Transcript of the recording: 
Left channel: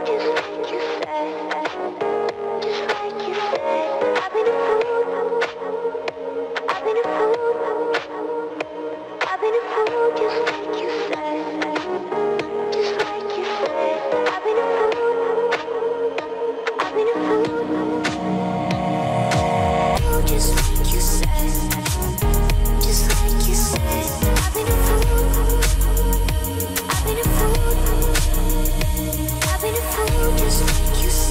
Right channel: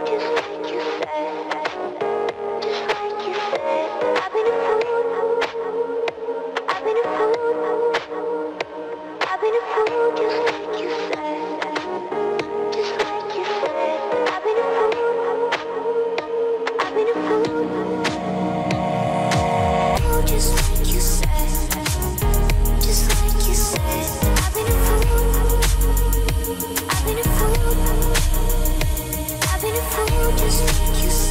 fool, just like you said. Just like you said. I've been a fool. I've been a fool. I've been a fool, just like you said. Just like you said. I've been a fool. I've been a fool. Oh, just like you said. Just like you said. I've been a fool. I've been a fool. I've been a fool, just like you said.